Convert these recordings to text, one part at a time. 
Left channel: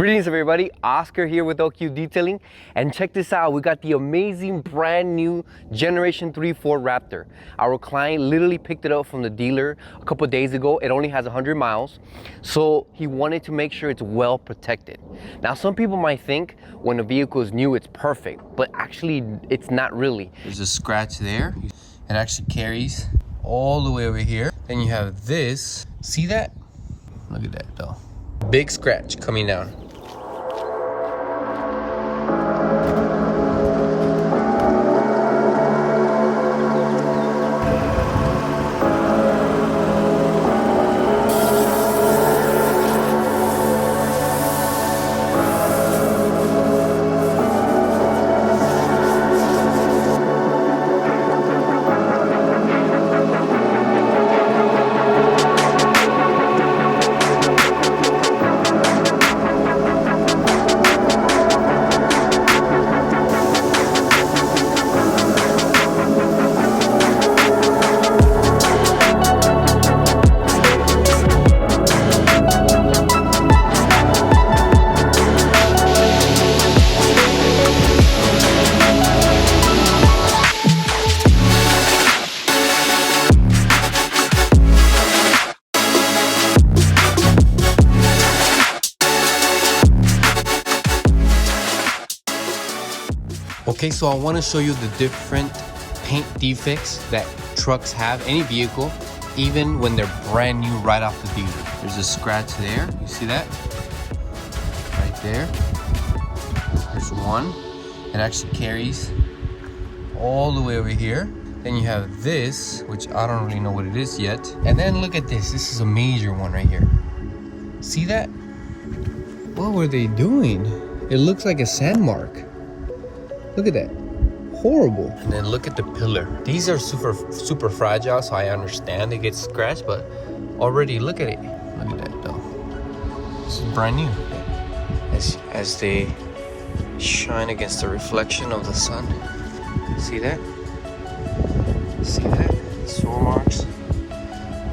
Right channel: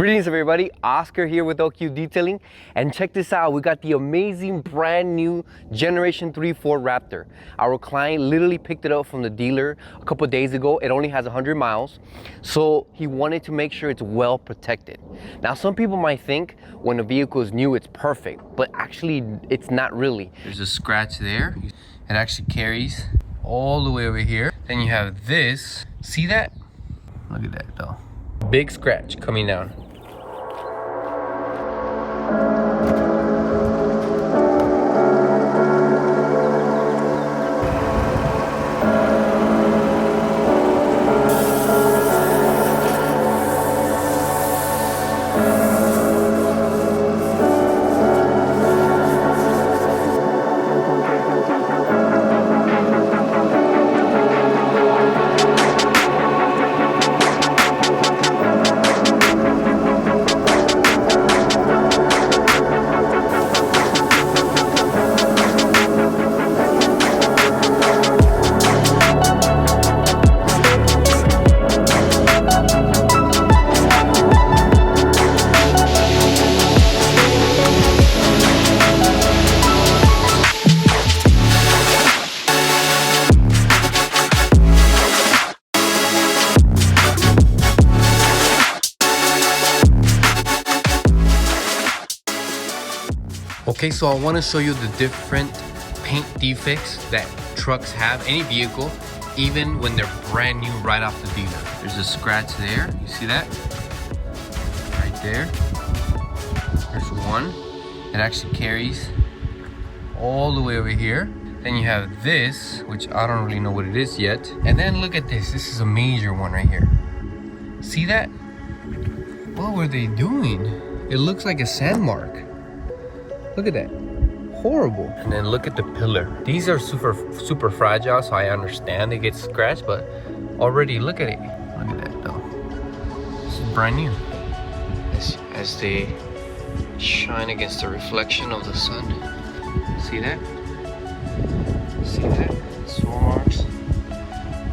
Greetings everybody, Oscar here with OQ Detailing, and check this out. We got the amazing brand new Generation 3 Ford Raptor. Our client literally picked it up from the dealer a couple days ago. It only has 100 miles, so he wanted to make sure it's well protected. Now some people might think when a vehicle is new it's perfect, but actually it's not really. There's a scratch there. It actually carries all the way over here. Then you have this, see that? Look at that though. Big scratch coming down. Okay, so I want to show you the different paint defects that trucks have, any vehicle, even when they're brand new right off the dealer. There's a scratch there, you see that? Right there. There's one. It actually carries all the way over here. Then you have this, which I don't really know what it is yet. And then look at this, this is a major one right here. See that? What were they doing? It looks like a sand mark. Look at that, horrible. And then look at the pillar. These are super fragile, so I understand they get scratched, but already look at it. Look at that though. This is brand new. As they shine against the reflection of the sun. See that? See that? Sore marks.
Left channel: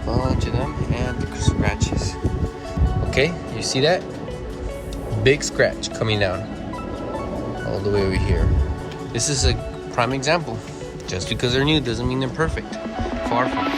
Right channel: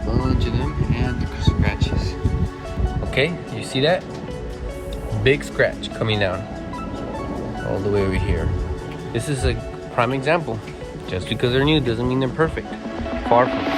Bunch of them, and the scratches. Okay, you see that? Big scratch coming down all the way over here. This is a prime example. Just because they're new doesn't mean they're perfect. Far from it.